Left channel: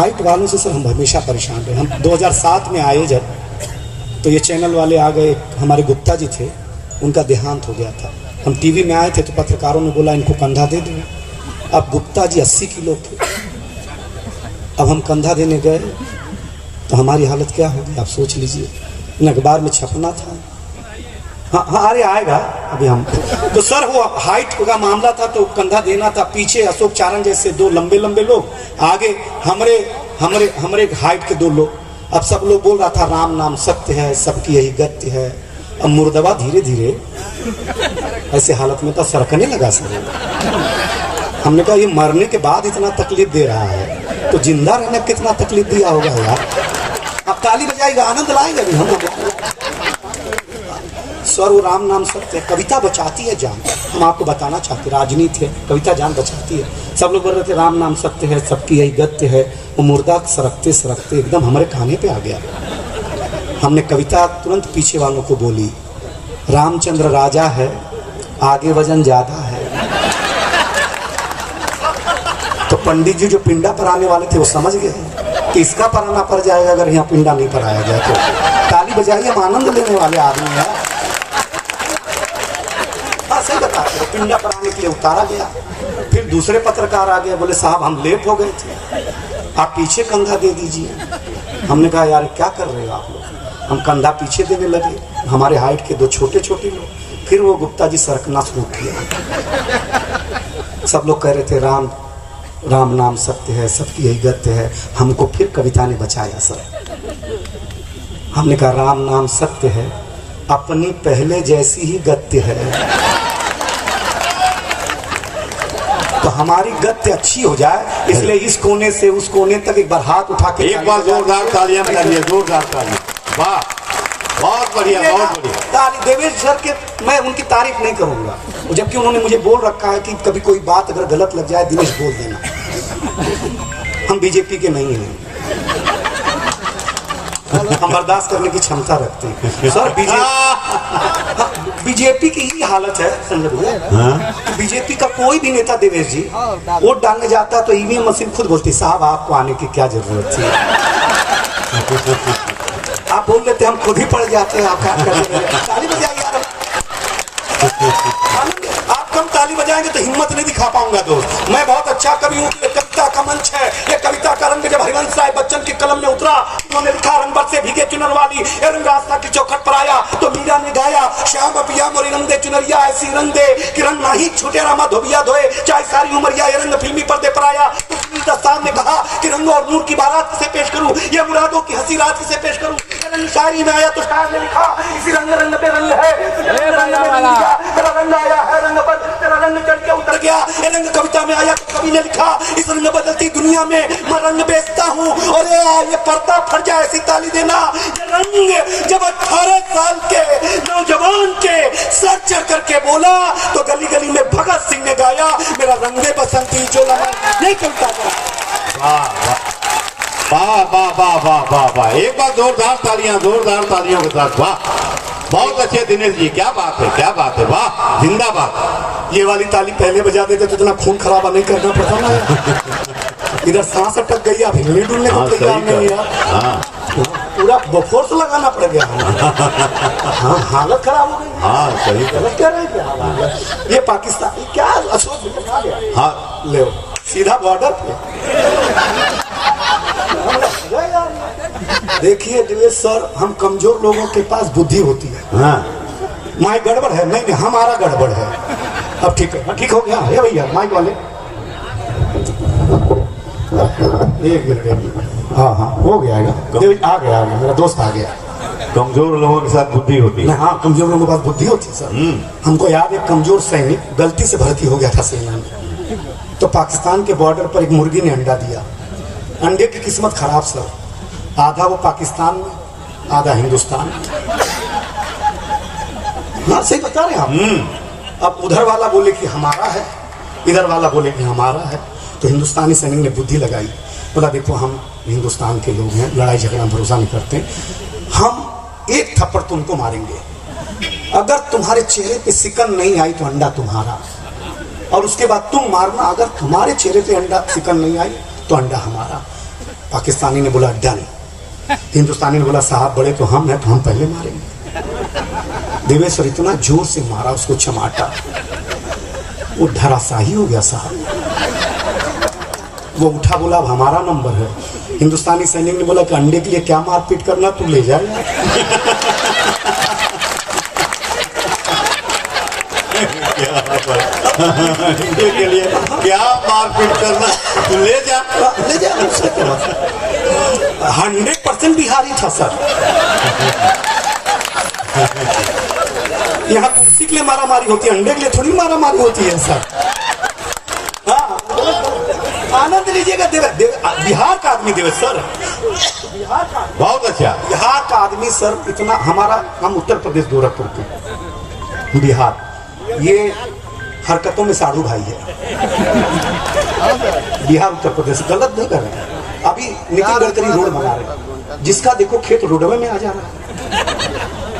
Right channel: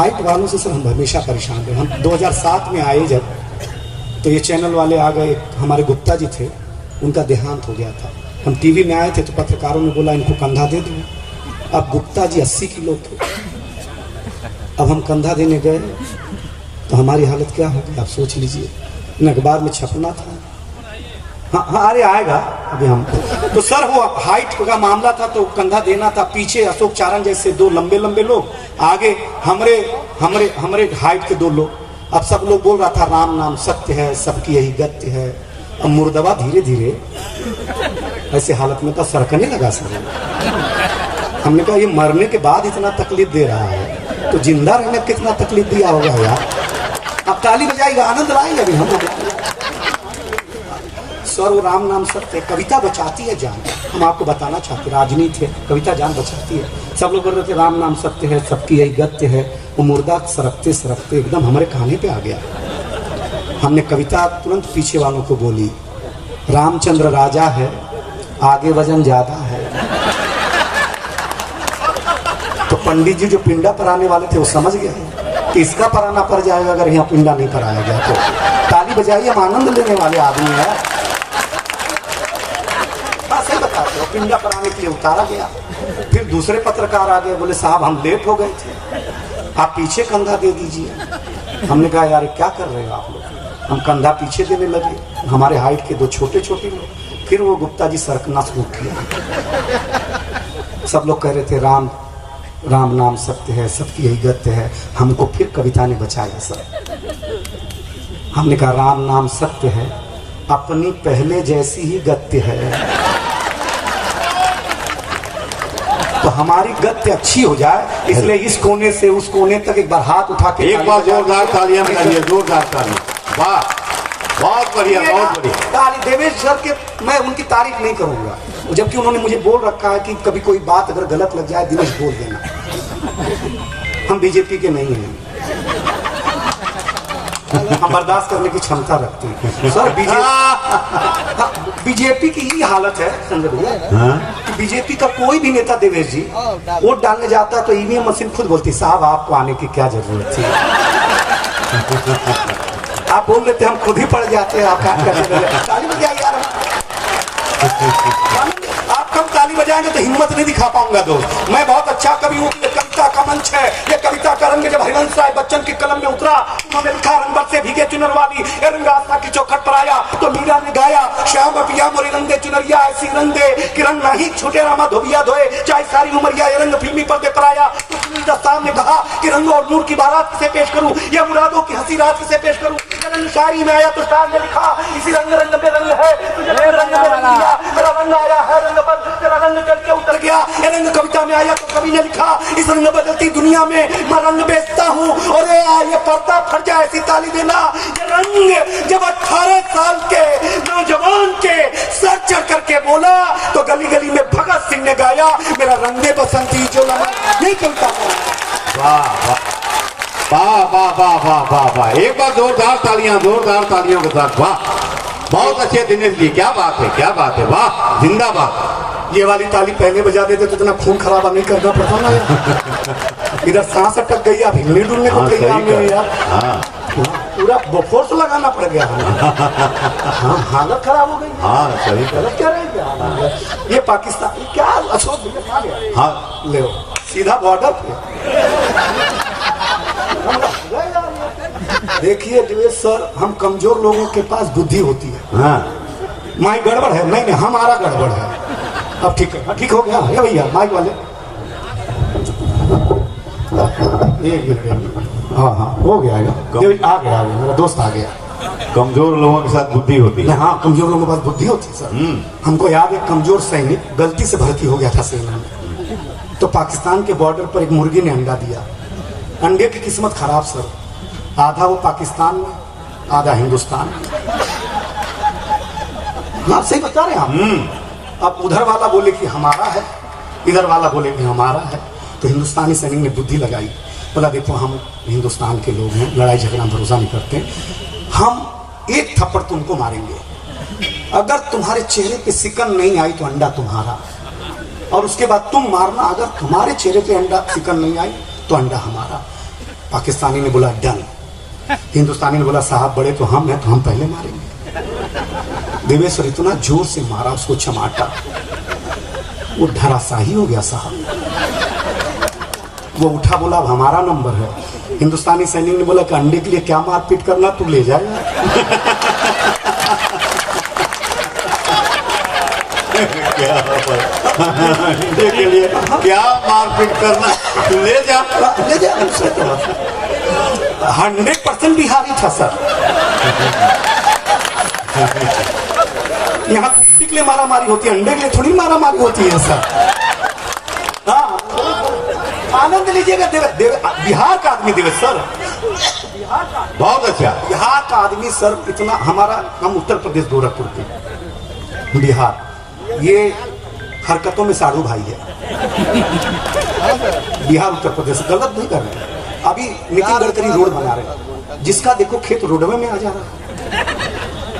Height वालों से sir हम हमेशा परेशान रहे। हम 2007 में आए जब, तो ये चैनल वाले आ गए, हमारे गुप्ता जी थे, उनका देहांत हो गया था। हम टीवी में आए थे तो पत्रकारों ने बोला इनको कंधा दे दो। अब गुप्ता जी 80 किलो थे। अब हम कंधा देने गए तो हमारी हालत क्या होगी आप सोच लीजिए। इन अखबार में छपना था। हाँ अरे आएगा अभी हम तो सर वो हाइट का मामला था तो कंधा देना था। पीछे अशोक चारण जैसे दो लंबे लंबे लोग, आगे हमरे हमरे हमरे हाइट के 2 लोग। अब सब लोग बोल रहा था राम नाम सत्य है, सबकी यही गत्य है। अब मुर्दवा धीरे धीरे ऐसे हालत में तो सरकने लगा सर। हमने कहा ये मरने के बाद इतना तकलीफ दे रहा है तो जिंदा रहने कितना तकलीफ दिया होगा यार। अब ताली बजाएगा, आनंद लाएंगे अभी हम लोग। सर वो राम नाम सत्य, कविता बचाती है जान। हम आपको बताना चाहते, राजनीति है, कविता जान बचाती है। सब लोग बोल रहे थे राम नाम सत्य है, सबकी यही गत्य है। वो मुर्दा सरकते सरकते एकदम हमारे खाने पे आ गया। हमने कविता तुरंत पीछे वालों को बोली, रामचंद्र राजा है, आगे वजन ज्यादा है। तो पंडित जी जो पिंडा पराने वाले थे वो समझ गए कि इसका पराना पड़ जाएगा अगर यहाँ पिंडा नहीं पराया जाए तो। ताली बजाइए, हम आनंद लेने वाले आदमी है। पिंडा कराने के लिए उतारा गया। फिर दूसरे पत्रकार आ गए, बोले साहब हम लेट हो गए थे, आप पीछे कंधा दे दीजिए। हमने कहा यार क्या कर रहे हो आप लोग। हम कंधा पीछे देने लगे, हमारे हाइट के 2 छोटे छोटे लोग। फिर वो गुप्ता जी सरकना शुरू किया। सब लोग कह रहे थे राम राम नाम सत्य है, सबकी यही गत्य है। हमको फिर कविता ने बचाया सर। हमने कहा राम नाम सत्य है, अपनी पहले जैसी ही गत्य है। तो हमारी गत्य अच्छी हो जाए इसलिए इस कोने से उस कोने तक एक बार हाथ उठा के एक बार जोरदार तालियां बजाइए, जोरदार तालियां। वाह, बहुत बढ़िया, बहुत बढ़िया। देवेश सर के मैं उनकी तारीफ नहीं करूंगा, जबकि उन्होंने मुझे बोल रखा है कि कभी कोई बात अगर गलत लग जाए दिनेश बोल देना। हम बीजेपी के नहीं हैं, हम बर्दाश्त करने की क्षमता रखते हैं सर। बीजेपी की ही हालत है संजय भैया। बीजेपी का कोई भी नेता देवेश जी वोट डालने जाता है तो ईवीएम मशीन खुद बोलती साहब आपको आने की क्या जरूरत थी। आप बोल रहे थे हम खुद ही पड़ जाते हैं, आप क्या ताली बजाइए यार। आप कम ताली बजाएंगे तो हिम्मत नहीं दिखा पाऊंगा दोस्त। मैं बहुत अच्छा कवि हूँ, ये कविता का मंच है। ये कविता का रंग जब हरिवंश राय बच्चन की कलम में उतरा, उन्होंने लिखा रंबर से भीगे चुनर वाली रंग रास्ता की चौखट पर आया तो मीरा ने गाया श्याम पिया मोरी रंग दे चुनरिया ऐसी रंग दे किरण नहीं छूटे रामा धोबिया धोए चाहे सारी उमरिया ये रंग फिल्मी पर्दे पर आया। दस्तान ने कहा कि रंगों और नूर की बारात से पेश करूं, ये मुरादों की हंसी रात से पेश करूं। रंग शायरी में आया तो शायर ने लिखा इसी रंग रंग पे रंग है, रंग में रंग दिया, तेरा रंग आया है रंग पर, तेरा रंग चढ़ के उतर गया। ये रंग कविता में आया तो कवि ने लिखा इस रंग बदलती दुनिया में मैं रंग बेचता हूँ और ये पर्दा फट जाए ऐसी ताली देना। ये रंग जब 18 साल के नौजवान के सर चढ़ करके बोला तो गली गली में भगत सिंह ने गाया मेरा रंगे बसंती जो नहीं कविता। वाह वाह वाह वाह वाह वाह वाह, एक बार जोरदार तालियां, जोरदार तालियां के साथ। वाह, बहुत अच्छे दिनेश जी, क्या बात है, क्या बात है। वाह, जिंदाबाद। ये वाली ताली पहले बजा देते तो इतना खून खराबा नहीं करना पड़ता ना। इधर सांस अटक गई, अब हिलने डुलने को तैयार नहीं है, पूरा फोर्स लगाना पड़ गया। हालत खराब हो गई। हाँ सही, गलत क्या रही। ये पाकिस्तान क्या अशोक, हाँ ले सीधा बॉर्डर पे। देखिए दिवेश सर, हम कमजोर लोगों के पास बुद्धि होती है। हाँ, माइक गड़बड़ है, नहीं हमारा गड़बड़ है। अब ठीक है, ठीक हो गया है भैया माइक वाले। एक मिनट, हाँ हाँ हो गया है, आ गया मेरा दोस्त आ गया। कमजोर लोगों के साथ बुद्धि होती है। हाँ कमजोर लोगों के पास बुद्धि होती है सर। हमको याद है कमजोर सैनिक गलती से भर्ती हो गया था सेना में, तो पाकिस्तान के बॉर्डर पर एक मुर्गी ने अंडा दिया। अंडे की किस्मत खराब सर, आधा वो पाकिस्तान में आधा हिंदुस्तान में। हाँ सही बता रहे हैं आप। अब उधर वाला बोले कि हमारा है, इधर वाला बोले कि हमारा है, तो हिंदुस्तानी सैनिक ने बुद्धि लगाई, बोला देखो हम हिंदुस्तान के लोग हैं, लड़ाई झगड़ा भरोसा नहीं करते, हम एक थप्पड़ तुमको मारेंगे, अगर तुम्हारे चेहरे पे सिकन नहीं आई तो अंडा तुम्हारा, और उसके बाद तुम मारना, अगर तुम्हारे चेहरे पे अंडा सिकन नहीं आई तो अंडा हमारा। पाकिस्तानी ने बोला डन, हिंदुस्तानी ने बोला साहब बड़े तो हम हैं, तो हम पहले मारेंगे। देवेश्वर इतना जोर से मारा उसको चमाटा, वो धराशाही हो गया साहब। वो उठा बोला अब हमारा नंबर है। हिंदुस्तानी सैनिक ने बोला कि अंडे के लिए क्या मारपीट करना, तू ले जाएगा। अंडे के लिए क्या मारपीट करना, तू ले जा। 100% बिहारी था सर। यहाँ कुर्सी के लिए मारा मारी होती है, अंडे के लिए थोड़ी मारा मारी होती है सर। हाँ, आनंद लीजिएगा। बिहार का आदमी देवे सर, बहुत अच्छा। बिहार का आदमी सर इतना हमारा, हम उत्तर प्रदेश गोरखपुर के, बिहार ये हरकतों में साधु भाई है। बिहार उत्तर प्रदेश गलत नहीं कर रहे। अभी नितिन गडकरी रोड बना रहे हैं, जिसका देखो खेत रोडवे में आ जा रहा है,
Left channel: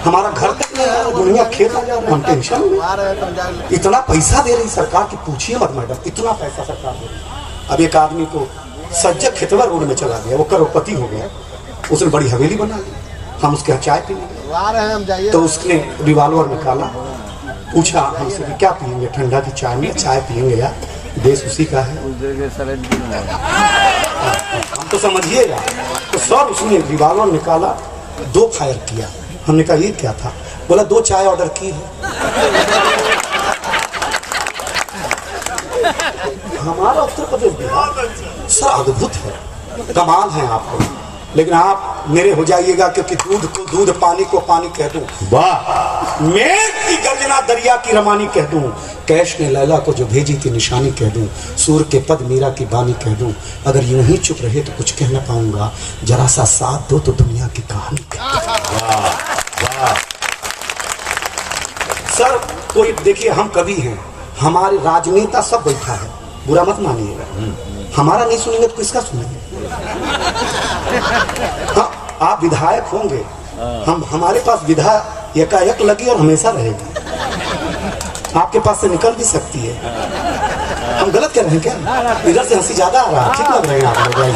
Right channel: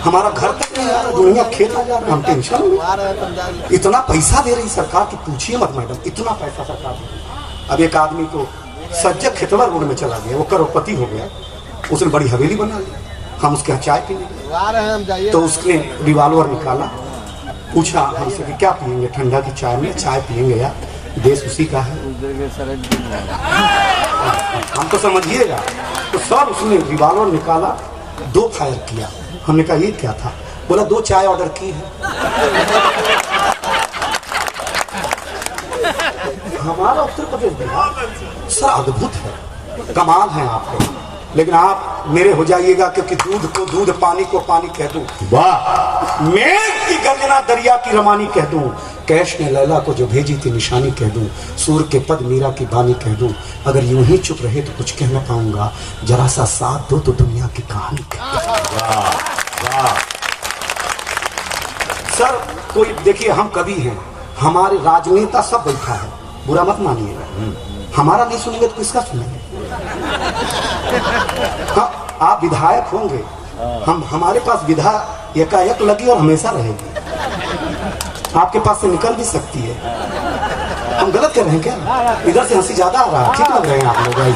हमारा घर तक में आ, दुनिया खेत आ जा रहा है। हम टेंशन में, इतना पैसा दे रही सरकार की पूछिए मत मैडम, इतना पैसा सरकार दे रही। अब एक आदमी को सज्जक खेतवा रोड में चला गया, वो करोड़पति हो गया, उसने बड़ी हवेली बना ली, हम उसके यहाँ चाय पीएंगे। तो उसने रिवॉल्वर निकाला, पूछा हमसे कि क्या पियेंगे, ठंडा की चाय में? चाय पियेंगे यार, देश उसी का है, हम तो समझिएगा। तो सर उसने रिवॉल्वर निकाला, 2 फायर किया। हमने कहा ये क्या था? बोला 2 चाय ऑर्डर की है। हमारा उत्तर प्रदेश बिहार सर अद्भुत है, कमाल है आप लोग। लेकिन आप मेरे हो जाइएगा, क्योंकि दूध को दूध, पानी को पानी कह दूं, वाह, मेघ की गर्जना दरिया की रवानी कह दूं, कैश ने लैला को जो भेजी थी निशानी कह दूं, सूर के पद मीरा की बानी कह दूं, अगर यूं ही चुप रहे तो कुछ कह ना पाऊंगा, जरा सा साथ दो तो दुनिया की कहानी कह दूं। वाह। सर कोई देखिए, हम कवि हैं, हमारे राजनेता सब बैठा है, बुरा मत मानिएगा, हमारा नहीं सुनेंगे तो किसका सुनेंगे? हाँ, आप विधायक होंगे, हमारे पास विधा एकाएक लगी और हमेशा रहेगी, आपके पास से निकल भी सकती है। हम गलत कर रहे हैं क्या? इधर से हंसी ज्यादा आ रहा है, ठीक लग रहे हैं आप लोग?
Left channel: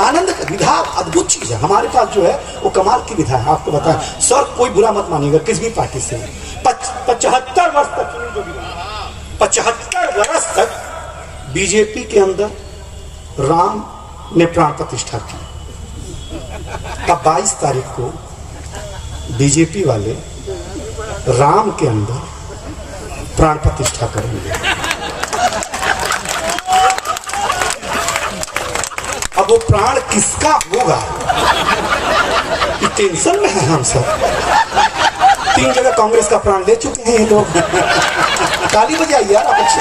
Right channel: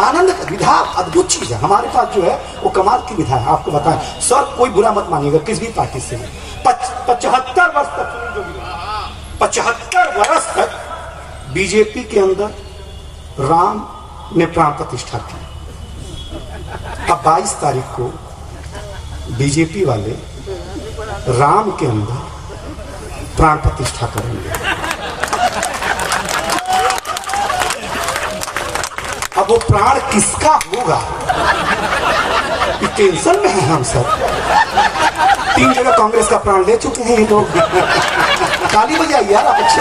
आनंद का विधा अद्भुत चीज है, हमारे पास जो है वो कमाल की विधा है। आपको बताएं सर, कोई बुरा मत मानिएगा किस भी पार्टी से, 75 वर्ष तक, 75 वर्ष तक बीजेपी के अंदर राम ने प्राण प्रतिष्ठा की। अब 22 तारीख को बीजेपी वाले राम के अंदर प्राण प्रतिष्ठा करेंगे। अब वो प्राण किसका होगा, ये टेंशन में है हम सब। 3 जगह कांग्रेस का प्राण ले चुके हैं ये लोग। ताली बजाइए यार आप, अच्छे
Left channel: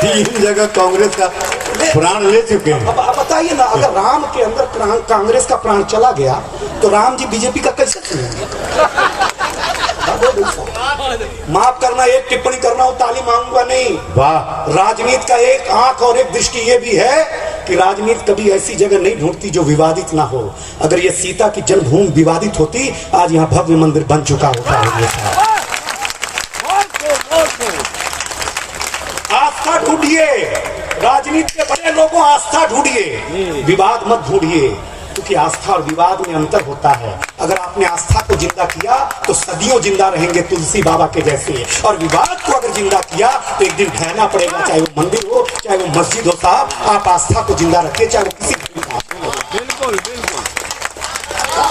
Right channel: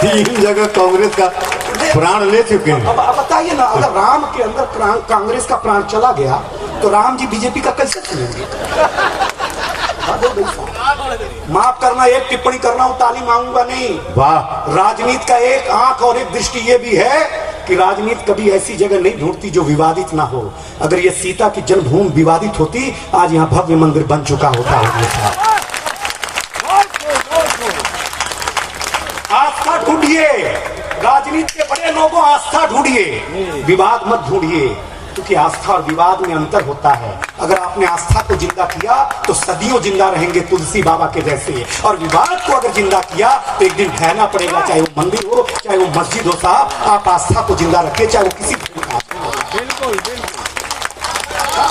3 जगह कांग्रेस का प्राण ले चुके हैं। अब बताइए ना, अगर राम के अंदर प्राण, कांग्रेस का प्राण चला गया तो राम जी बीजेपी का कैसे चलेंगे? माफ करना, एक टिप्पणी कर रहा हूं, ताली मांगूंगा नहीं। वाह। राजनीति का एक आंख और एक दृष्टि ये भी है कि राजनीति कभी ऐसी जगह नहीं ढूंढती जो विवादित ना हो। अगर ये सीता की जन्मभूमि विवादित होती, आज यहाँ भव्य मंदिर बन चुका होता है। आस्था ढूंढिए, राजनीति के बड़े लोगों आस्था ढूंढिए, विवाद मत ढूंढिए, क्योंकि आस्था और विवाद में अंतर होता है। अगर आपने आस्था को जिंदा किया तो सदियों जिंदा रहेंगे तुलसी बाबा के जैसे, और विवाद को अगर जिंदा किया तो एक दिन ढहना पड़ेगा, चाहे वो मंदिर हो चाहे वो मस्जिद हो। साहब आप आस्था को जिंदा रखिए, चाहे वो किसी बिल्कुल बिल्कुल।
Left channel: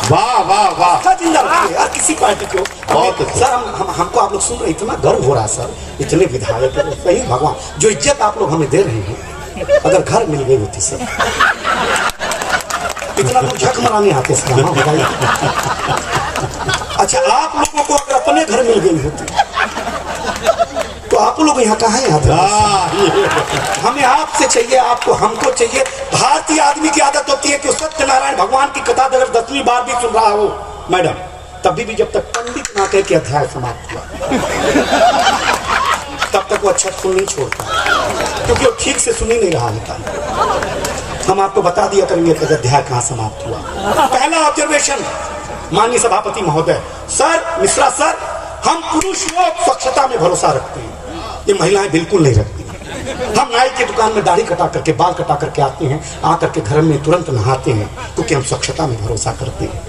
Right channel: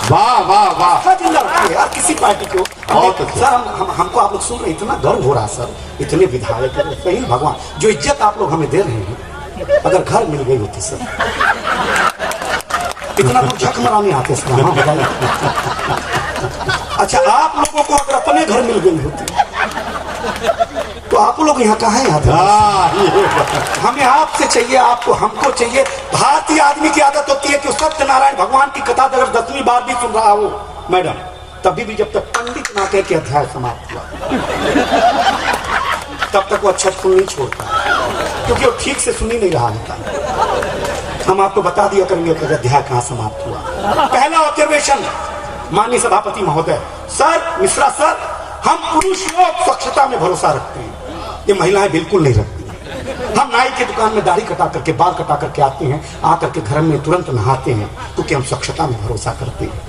वाह वाह वाह, जिंदा रखिए यार, किसी पार्टी को। बहुत सर हमको आप लोग सुन रहे, इतना गर्व हो रहा है सर, इतने विधायक सही भगवान, जो इज्जत आप लोग हमें दे रहे हैं, अगर घर मिल गई होती सर, इतना तो झक मराने आते सर। हाँ बताइए। अच्छा, आप लोगों को अगर अपने घर मिल गई होती तो आप लोग यहाँ कहाँ आते? हमें आपसे चाहिए, आपको हमको चाहिए। भारतीय आदमी की आदत होती है कि सत्यनारायण भगवान की कथा अगर 10वीं बार भी सुन रहा हो मैडम, तभी भी जब तक पंडित ना कहे कि अध्याय समाप्त हुआ, तब तक वो अच्छा सुन नहीं छोड़ता, क्योंकि वो ठीक से सुन ही नहीं रहा होता। हम आपको बता दिया करेंगे कि अध्याय कहाँ समाप्त हुआ। पहला ऑब्जर्वेशन, माननीय सभापति महोदय, सर, मिश्रा सर, हम पुरुष लोग स्वच्छता में भरोसा रखते हैं, ये महिलाएं बिल्कुल नहीं रखती। हम नाई की दुकान में दाढ़ी कटा करके बाल कटा करके आते हैं, आकर के घर में तुरंत नहाते हैं, क्योंकि हम स्वच्छता में भरोसा करते हैं।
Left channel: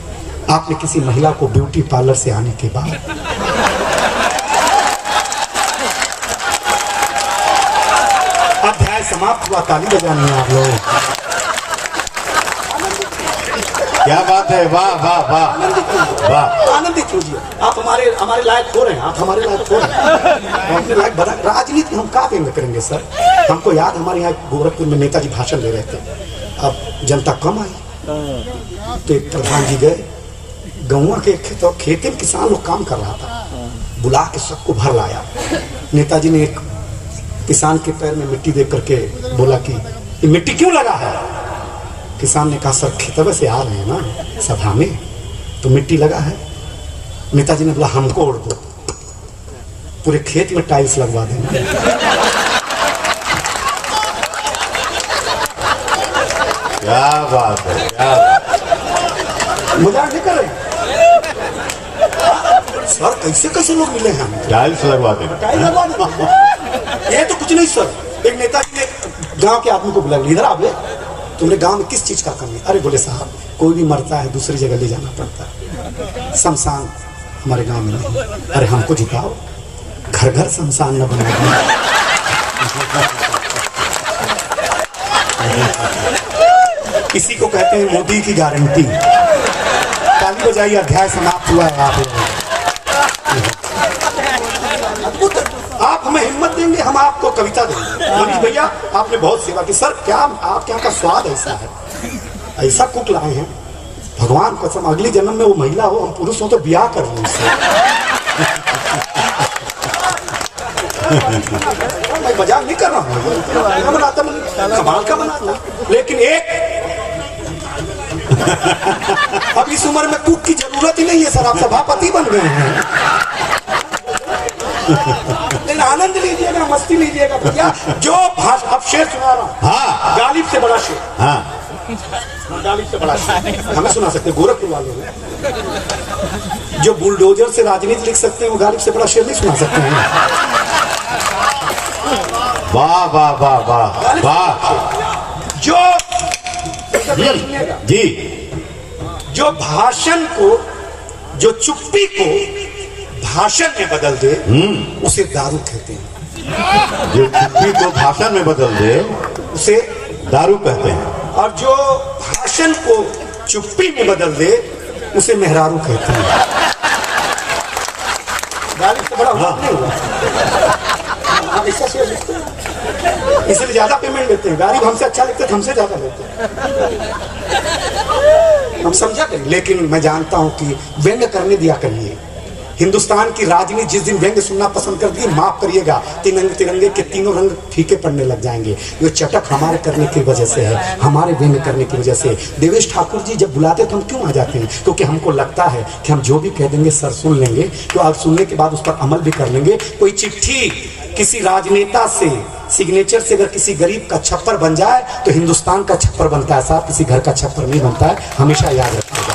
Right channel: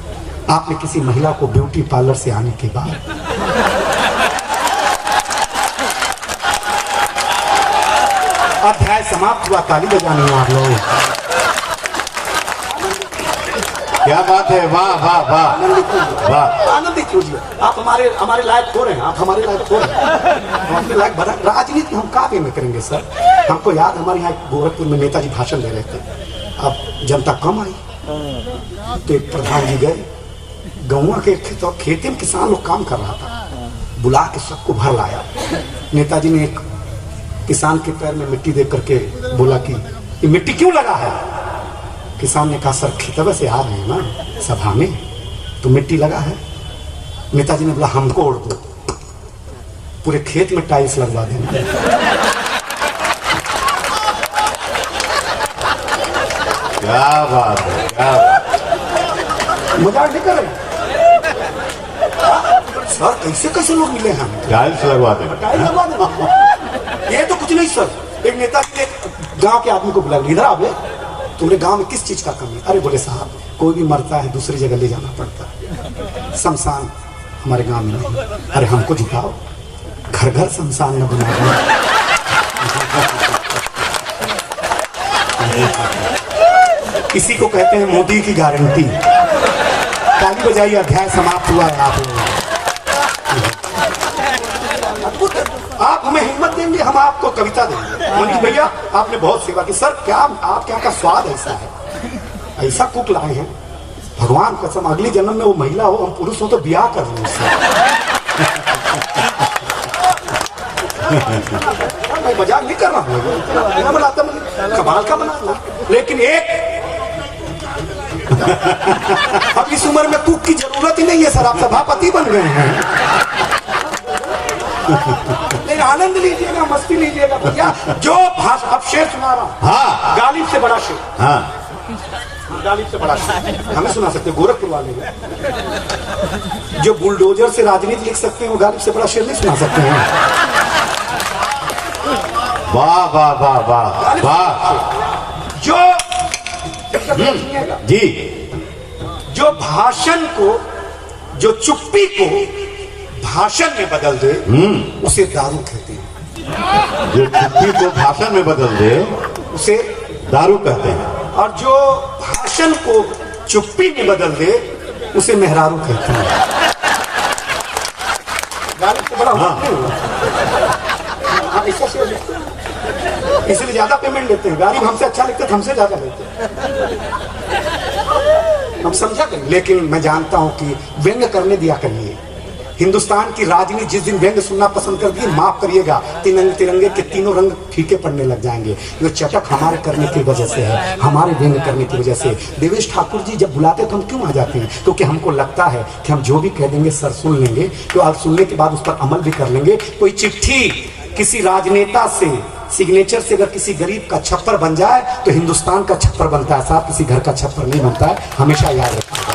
आपने किसी महिला को ब्यूटी पार्लर से आने के बाद अध्याय समाप्त हुआ, ताली बजानी है आप लोग। क्या बात है, वाह वाह वाह वाह। आनंदित कीजिए, आप हमारे लायक हो रहे हैं, आप हमारे लायक हो रहे हैं, अपने लायक बना। राजनीति हम क्या में करेंगे सर? हमको याद, हमारे यहाँ गोरखपुर में नेताजी भाषण दे रहे थे, अब जनता कम आई तो एक प्रधान जी गए, गहुआ के खेते में किसान लोग काम कर रहा था, बुला के सबको भर लाया। नेताजी ने एक किसान के पैर में मिट्टी दे करके बोला कि ये मिट्टी क्यों लगा है? किसान ने कहा सर खेतवे से आ रहे हैं ना सभा में, तो मिट्टी लगा है। नेताजी ने बोला हमको उड़ दो, पूरे खेत में टाइल्स लगवा देंगे। क्या बात है, क्या मजाक नहीं कर रहे सर? कैसे कैसे लोग मिले हैं? टाइल्स लगवा देंगे। टाइल्स लगवा देंगे, ये तो कुछ नहीं सर। एक नेताजी ने गांव के आदमी को बुला, इधर आप ले, तुमने गांव में किस चीज का कमी? अरे बोले साहब कोई भी मरता है दूसरी जगह ले जाना पड़ता है, शमशान हमारे गांव में नहीं। अरे हमको जिताओ, घर घर शमशान न बना दिया। इसी को कहते हैं मोदी की गारंटी। ताली बजाइए, अध्याय समाप्त हुआ है। आप हमें हिम्मत देंगे, हम आपको कविता देंगे। मनीष भैया आपने बहुत सेवा की। सर क्या आपके यहाँ का स्वाद ऐसा है, ऐसा कुक लाए हैं, भगवान कसम अगले जन्म में वो महिला हो, हम पुरुष हो तो ब्याह कर लें उससे। मैं मजाक नहीं कर रहा हूँ, बनाता मैं कमाल का बना, लेकिन एक अब इस उम्र में कुक की जरूरत ही नहीं है सर, आप सभापति बन गए हैं। आनंद लीजिएगा, मस्ती लीजिएगा भैया। जो भाषा, अब शेर सुना रहा हूँ। हाँ, गालिब से बड़ा शेर। हाँ, गालिब से बड़ा शेर हमें सुना सकते, गोरखपुर वाले हैं जो बुलडोजर से राजनीति लिख सकते हैं, वो गालिब से बड़ा शेर नहीं सुना सकते हैं। वाह वाह वाह वाह वाह। जो जी, जो भाषण को, जो चुप्पी को भाषण में बदल दे, उसे दारू कहते हैं। जो चुप्पी को भाषण में बदल दे उसे दारू कहते हैं, और जो भाषण को चुप्पी में बदल दे उसे मेहरारू कहते हैं। गालिब से बड़ा नहीं हुआ, इसलिए ज्यादा पेमेंट लेते हैं। गालिब हमसे अच्छा लगते थे, हमसे ज्यादा लेते हैं, हम समझा करें। लेकिन मैं जानता हूं कि व्यंग करने दिया करिए। हिंदुस्तान की राजनीति जिस दिन व्यंग सुनना पसंद कर दी, माफ करिएगा, तिरंगे के तीनों रंग फीके पड़ने लग जाएंगे। ये चटक हमारे करने की वजह से है, हमारे व्यंग करने की वजह से। देवेश ठाकुर जी जब बुलाते तो हम क्यों आ जाते हैं? क्योंकि हमको लगता है कि हम जो भी कह देंगे सर सुन लेंगे, तो आप सुनने के बाद उस पर अमल भी कर लेंगे। कोई चिट्ठी किसी राजनेता से सिग्नेचर से अगर किसी गरीब का छप्पर बन जाए तो हिंदुस्तान का छप्पर बनता है साहब, किसी घर का छप्पर नहीं बनता है, हमेशा याद रखिएगा।